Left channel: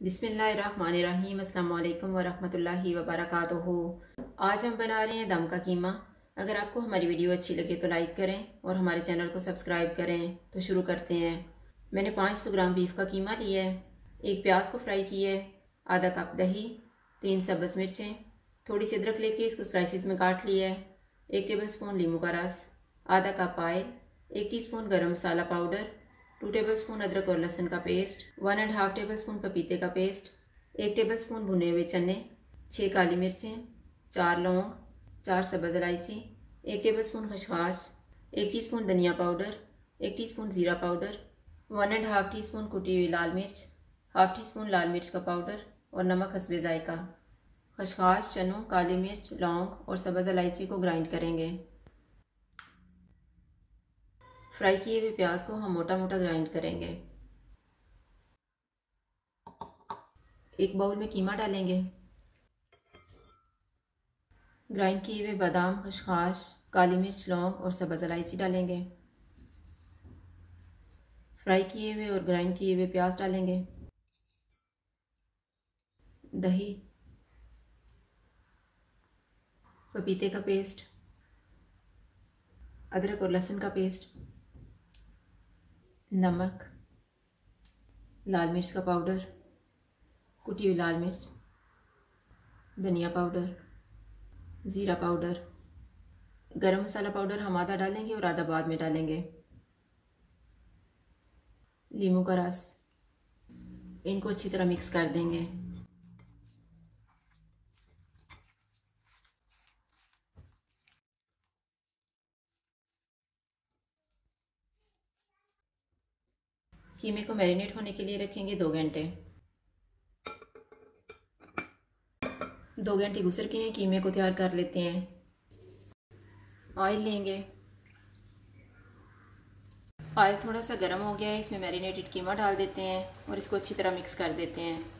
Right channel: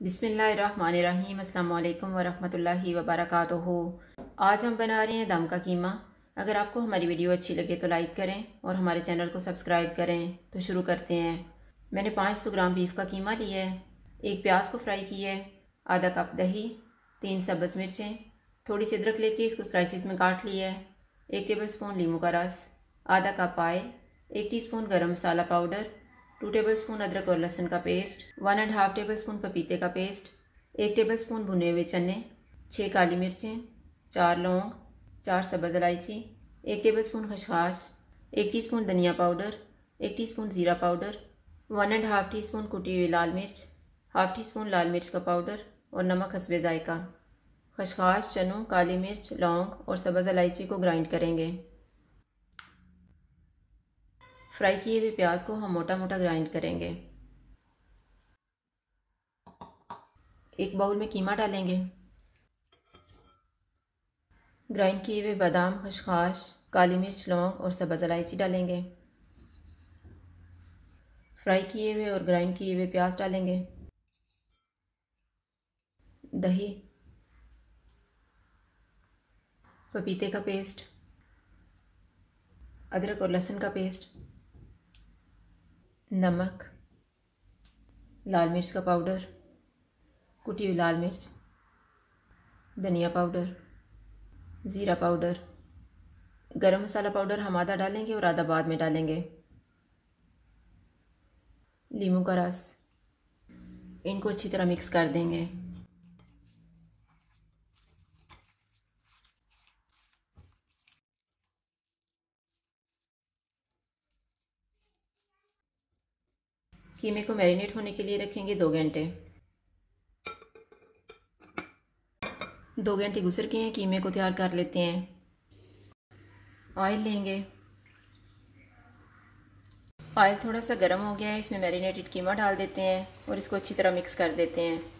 बिस्मिल्लाहिर्रहमानिर्रहीम। अस्सलाम वालेकुम वरहमतुल्लाहि वबरकातुहू। आज हम बना रहे हैं दम का कीमा। अगर आपको हमारी वीडियो अच्छी लगे तो लाइक करें और हमारे चैनल को सब्सक्राइब करें। तो शुरू करते हैं। मैंने 500 ग्राम बीफ का कीमा लिया है। एक प्याज को फ्राई किया है, आधा कप दही, 3 सब्ज़ मिर्चें, थोड़ी सी अदरक लेके इसको स्लाइसिस में काट लिया है, 1 टेबलस्पून लीमू का रस, आधा कप ऑयल, 1 टीस्पून गरम मसाला पाउडर, 2 टेबलस्पून अदरक और लहसुन का पेस्ट, 1.5 टेबलस्पून पपीते का पेस्ट, 1 टेबलस्पून भुने हुए चने, 6 काली मिर्चें, 4 लौंग, 4 सब्ज़ इलायची, 1 टेबलस्पून खसखस, 1 टीस्पून धनिया पाउडर, 1 टीस्पून ज़ीरा पाउडर, 1.5 टीस्पून कुटी हुई लाल मिर्च, हाफ टी स्पून लाल मिर्च का पाउडर और नमक हस्बे जायका। खसखस, चनों, काली मिर्च, लौंग और सब्ज़ इलायची को ग्राइंड करेंगे। फ्राई किए हुए प्याज को हम मोटा मोटा ग्राइंड करेंगे। एक बाउल में कीमा डालेंगे। ग्राइंड किए हुए बादाम, खसखस, काली मिर्च, लौंग और सब्ज़ इलायची डालेंगे। फ्राई किए हुए और ग्राइंड किए हुए प्याज डालेंगे। दही, पपीते का पेस्ट, अदरक और लहसुन का पेस्ट, नमक, लाल मिर्च का पाउडर, कुटी हुई लाल मिर्च, धनिया पाउडर, ज़ीरा पाउडर, गरम मसाला पाउडर हम आधा डालेंगे और आधा बाद में डालेंगे। लीमू का रस, इनको अच्छी तरह मिक्स कर देंगे। कीमे को मैरिनेट होने के लिए रखेंगे 2 घंटे। 2 घंटे गुजर गए हैं, कीमे को तैयार कर लेते हैं। ऑयल लेंगे। ऑयल थोड़ा सा गर्म हो गया है, इसमें मैरिनेटेड कीमा डाल देते हैं और इसको अच्छी तरह मिक्स कर देते हैं।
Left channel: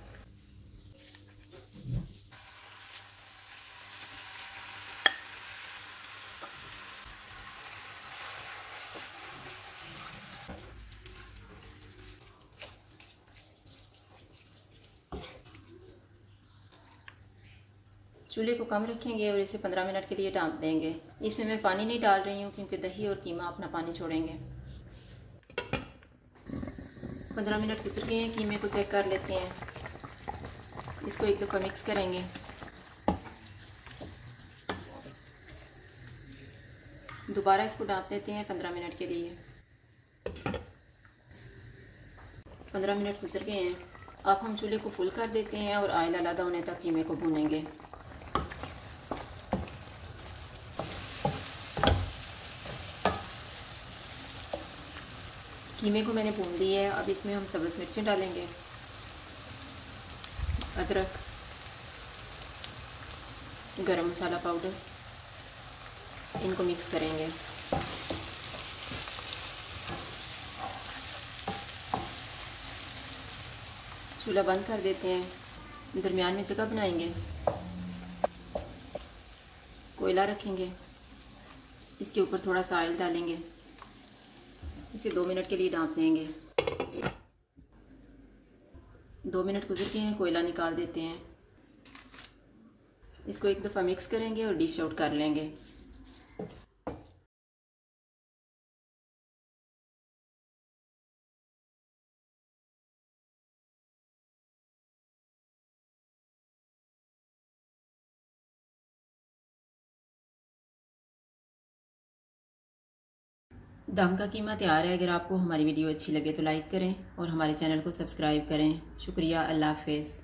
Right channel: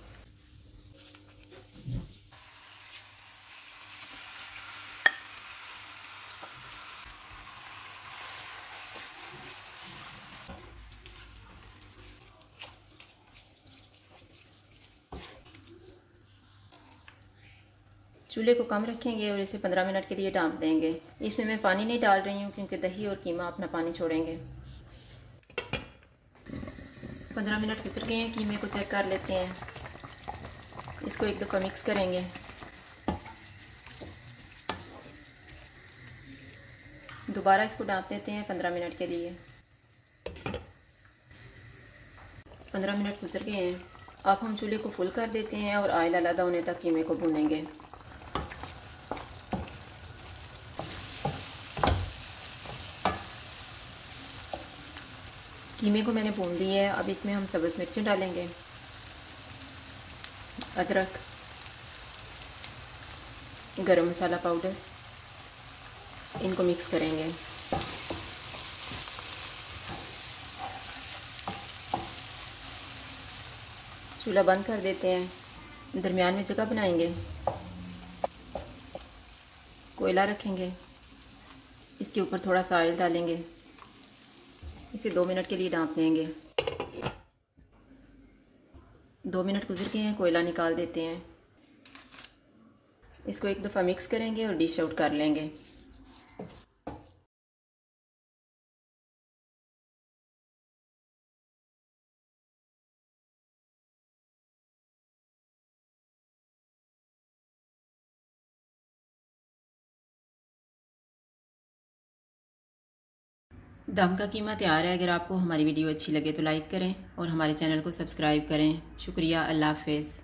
चूल्हे को कम रखेंगे और इसे 15 मिनट के लिए ढाँप देंगे। इसमें मैं पानी नहीं डाल रही हूँ क्योंकि दही और कीमा अपना पानी छोड़ेंगे। 15 मिनट गुजर गए हैं, कीमे को चेक कर लेते हैं। इसको एक दफ़ा मिक्स करेंगे। दोबारा इसको ढाँप देते हैं 15 मिनट के लिए। 15 मिनट गुजर गए हैं। अब हम चूल्हे को फुल कर देते हैं और ऑयल अलग होने तक कीमे को भूनेंगे। कीमे को मैंने भून दिया है। अब इसमें हम सब्ज़ मिर्चें डालेंगे, अदरक, गरम मसाला पाउडर, इनको मिक्स करेंगे। चूल्हा बंद कर देते हैं। दरमियान में जगह बनाएंगे, कोयला रखेंगे, इसके ऊपर थोड़ा सा ऑयल डालेंगे, इसे 2 मिनट के लिए ढाँप देंगे। 2 मिनट गुजर गए हैं, कोयला निकाल देते हैं। इसको एक दफ़ा मिक्स करेंगे और डिश आउट कर लेंगे। दम का कीमा तैयार है। अगर आपको हमारी वीडियो अच्छी लगे तो लाइक करें और हमारे चैनल को सब्सक्राइब करें। शुक्रिया। अल्लाह हाफ़िज़।